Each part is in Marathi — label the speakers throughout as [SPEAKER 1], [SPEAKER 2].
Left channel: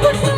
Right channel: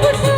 [SPEAKER 1] Woo-hoo!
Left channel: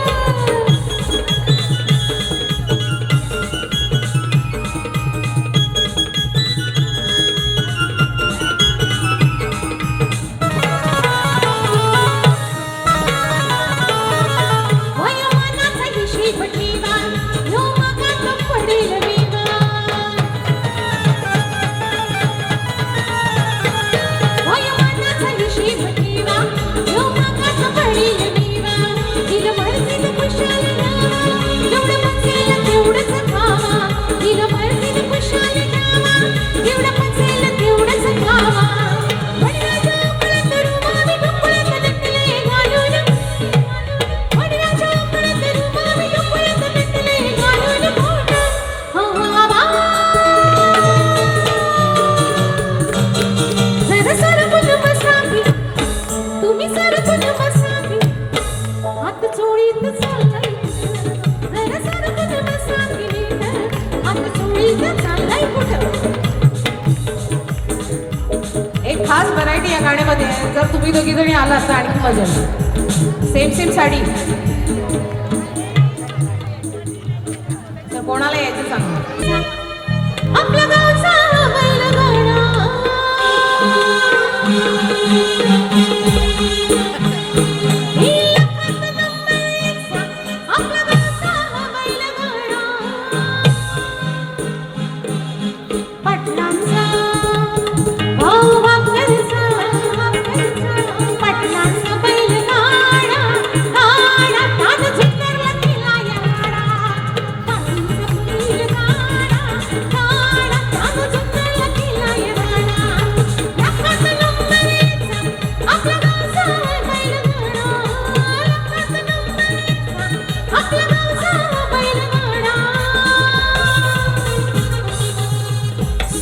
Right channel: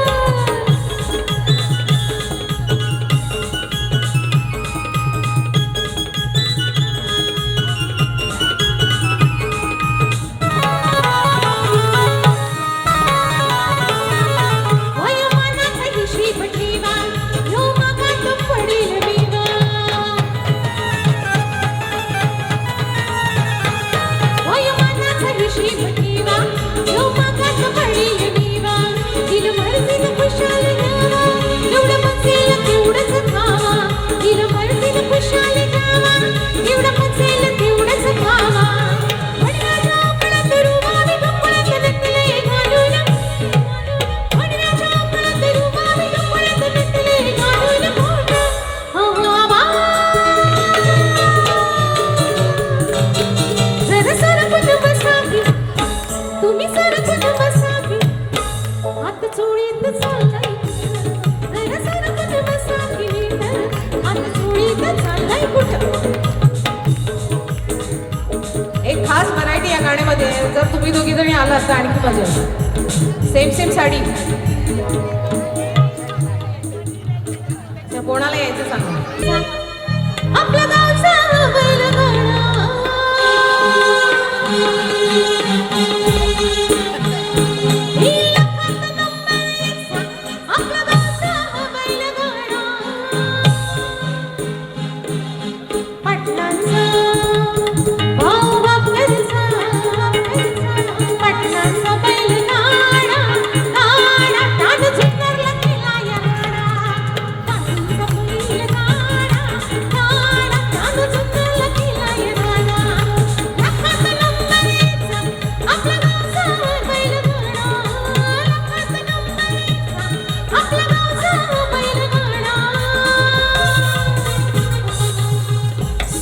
[SPEAKER 1] तुम्ही दोघी जणी आला असता आणखी मजा सेम सेम साडी.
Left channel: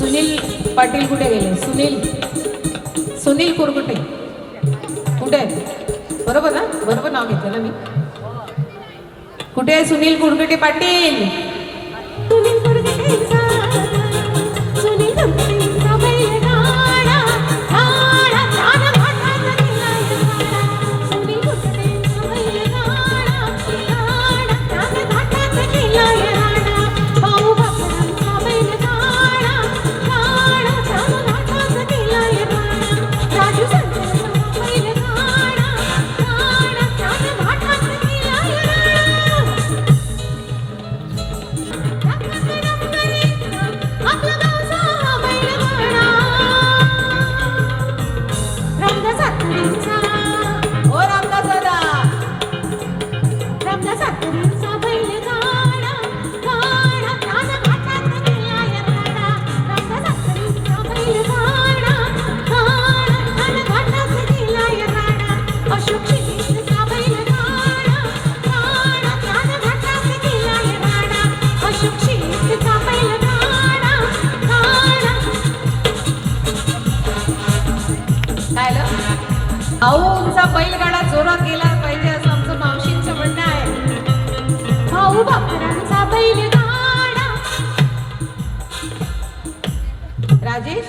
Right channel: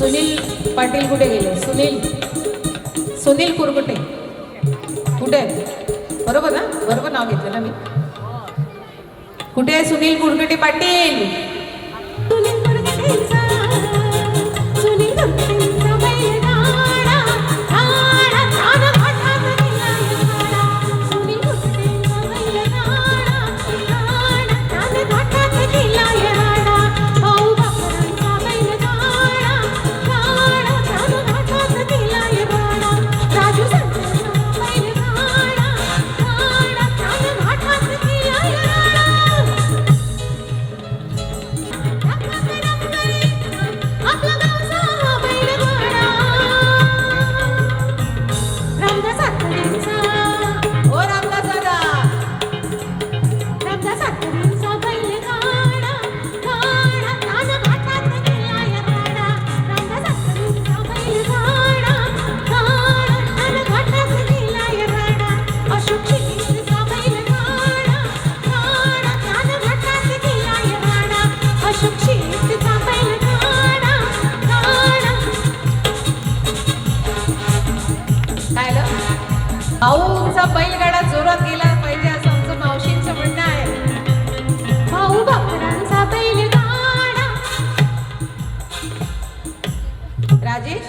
[SPEAKER 1] सुनील पाटील कुठे गेले? सुनील. सुनील कुरकुटे. कुठे? आहेत बरोबर ना? बरोबर नाव घेतलं ना मी. कुठे आहे सुनील कुरकुटे पाटील? अहो तुमचा बैलगाडा जोरात गेला. पाहिजे असं आमचं मावशींचं म्हणणं आहे.
[SPEAKER 2] भाऊ बापरांचा बैलगाडा.
[SPEAKER 1] राजेश?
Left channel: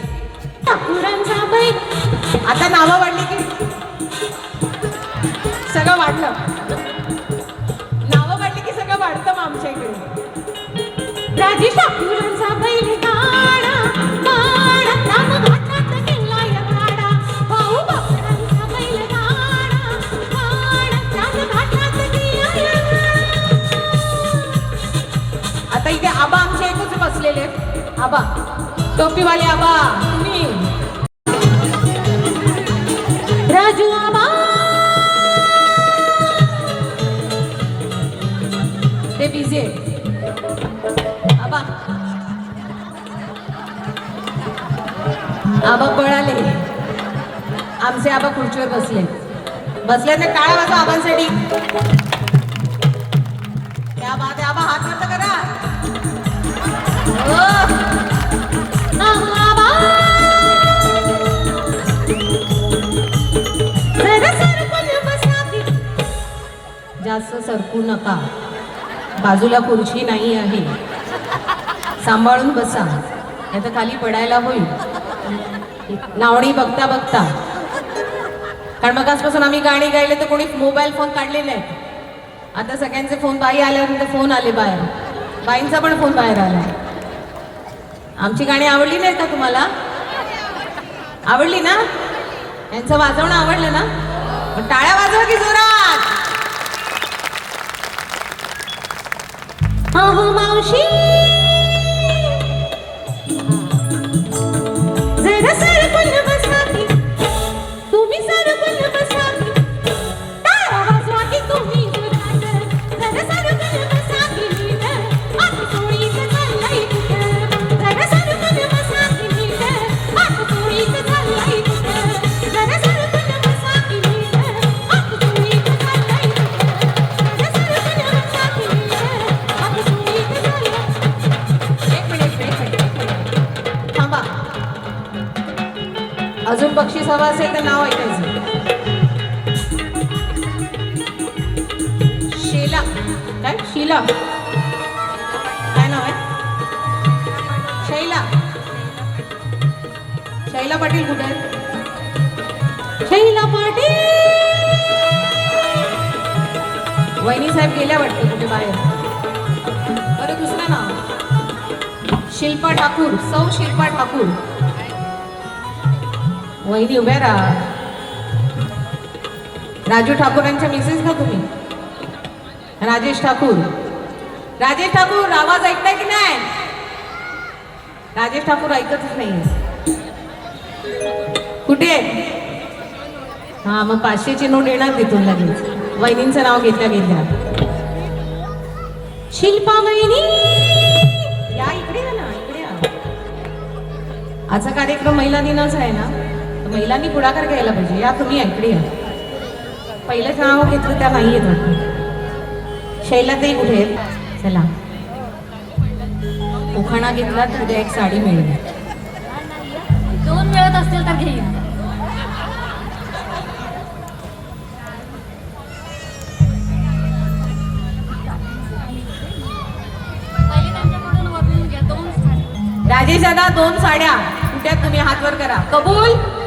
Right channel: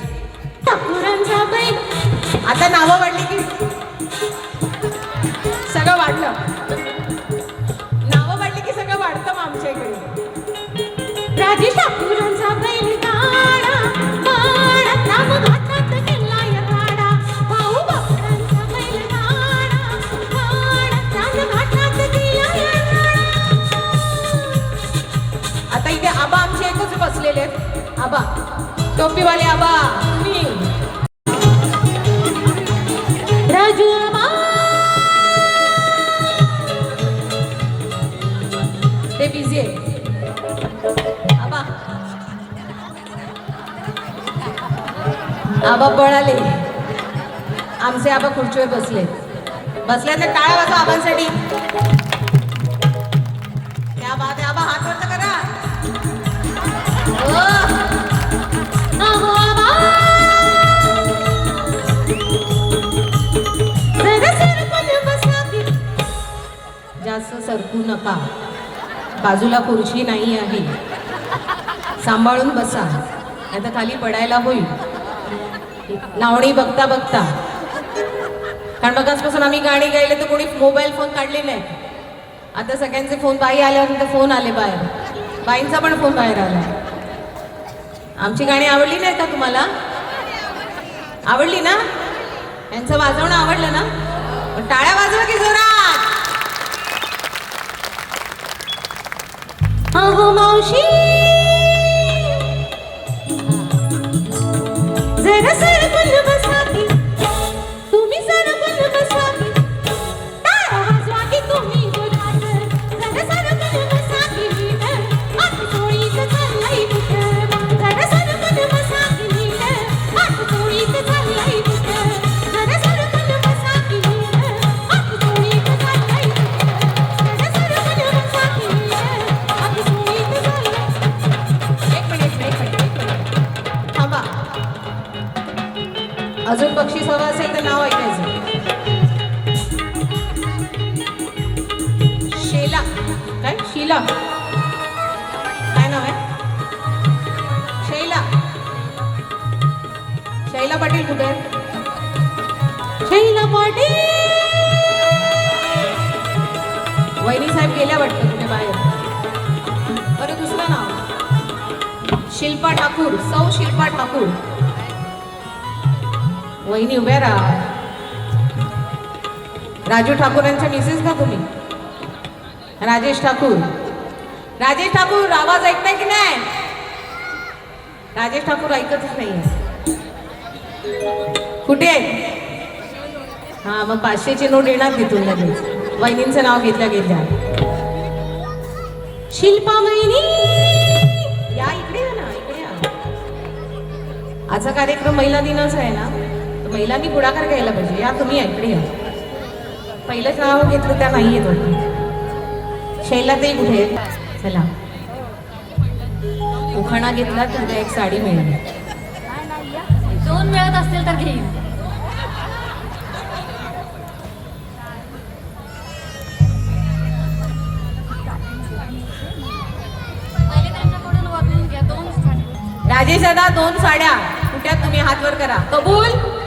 [SPEAKER 2] ठाकुरांचा बैल.
[SPEAKER 1] आता नावं वाढली की आबा पळाले आमचे आबा खुर्चीवर बसले बसले तर काय वाजवा आबांसाठी त्या बाबा आबा हात बंद करा. सरकू नका. बाजूला खुर्ची नाही आहे. सांभाळून बसा. नाही तर खाली पडायला होईल. नावणी बघता बघता. कारण मग आजपासून आम्ही गाणी गायले तर कोणी मोबाईल फोन काढले नाही आता सगळ्यांचे फोन बाई आल्यानंतर फोन आले बाहेर. बाईंचा पण फोन बाहेर आला. आमची गाणी आवडली नाही का तुम्हाला? आवडली ना? यांचं वाजवणं आवडलं ना? टाळ्या वाजवा की जोरात
[SPEAKER 2] अहो मावशी जरा
[SPEAKER 1] अजून बक्षीस हवं असेल तर नाव ऐकायचं. शेला. काय? शिला. काय नाव आहे? शैला. शैला पाटील कुठे
[SPEAKER 2] शैला
[SPEAKER 1] पाटील!
[SPEAKER 2] वहिनी साहेब गेल्या वाटतं कुठे बाहेर? बरं दुसरं नाव. शिल्पा ठाकूर. सौ शिल्पा ठाकूर. वहिनी उभ्या राहा. राजू ठाकूर यांच्या मिसेस ना तुम्ही? राजेश ठाकूर. राजेश ठाकूर आवाज ऐकताय की नाही? राजेश ठाकूर ऐकतच नाही. कुठे? आहेत? हा मग पाचशेची नोट येणार तिथून लगेच. वहिनींचं नाव घेतलं गेलं.
[SPEAKER 1] शिल्पा वहिनी!
[SPEAKER 2] या इकडे ना इकडे आजचा कार्यक्रम महिला दिनाचा आहे ना? महिलांनी पुढाकार घ्यायला पाहिजे. या तुम्ही इकडे या. पहिलंच नाव घेतलं त्या नाही येत शैलाताई कुठे आहेत? चला. उखाणा घेतला तर उद्या एक साडी मिळेल.
[SPEAKER 1] दोन मिळत असतील तर घ्या, दोन
[SPEAKER 2] साड्या. कुठे आहेत तुम्ही हात वर करा. कबूल?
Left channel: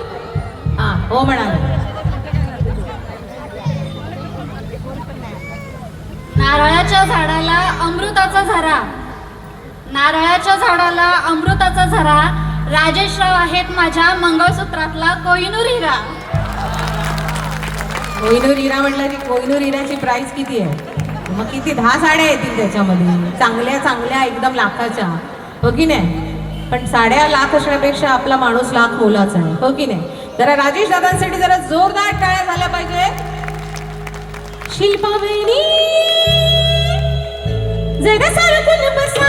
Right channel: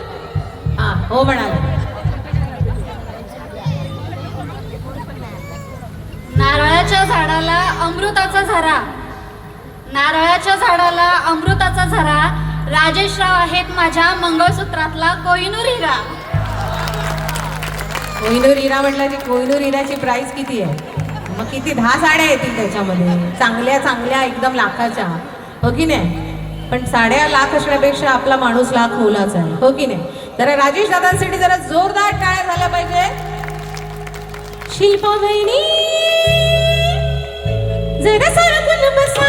[SPEAKER 2] हो म्हणाल.
[SPEAKER 1] नारळाच्या झाडाला अमृताचा झरा. नारळाच्या झाडाला अमृताचा झरा. राजेशराव आहेत माझ्या मंगळसूत्रातला कोहिनूर हिरा.
[SPEAKER 2] कोहिनूर हिरा म्हटलं की कोहिनूर हिराची प्राइस किती आहे? मग किती? दहा साड्या येतील त्याच्यामध्ये. चांगल्या चांगल्या एकदम लाखाच्या. हो की नाही? पण साड्या लाख असण्यापेक्षा आपला माणूस लाख मोलाचा आहे. हो की नाही? जरा राजेश दादांसाठी जरा जोरदार टाळ्या झाल्या पाहिजे.
[SPEAKER 1] शिल्पा बहिणी जरा सारखं बसा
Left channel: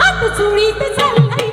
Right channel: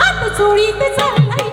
[SPEAKER 1] हात चोळीत चाललाय.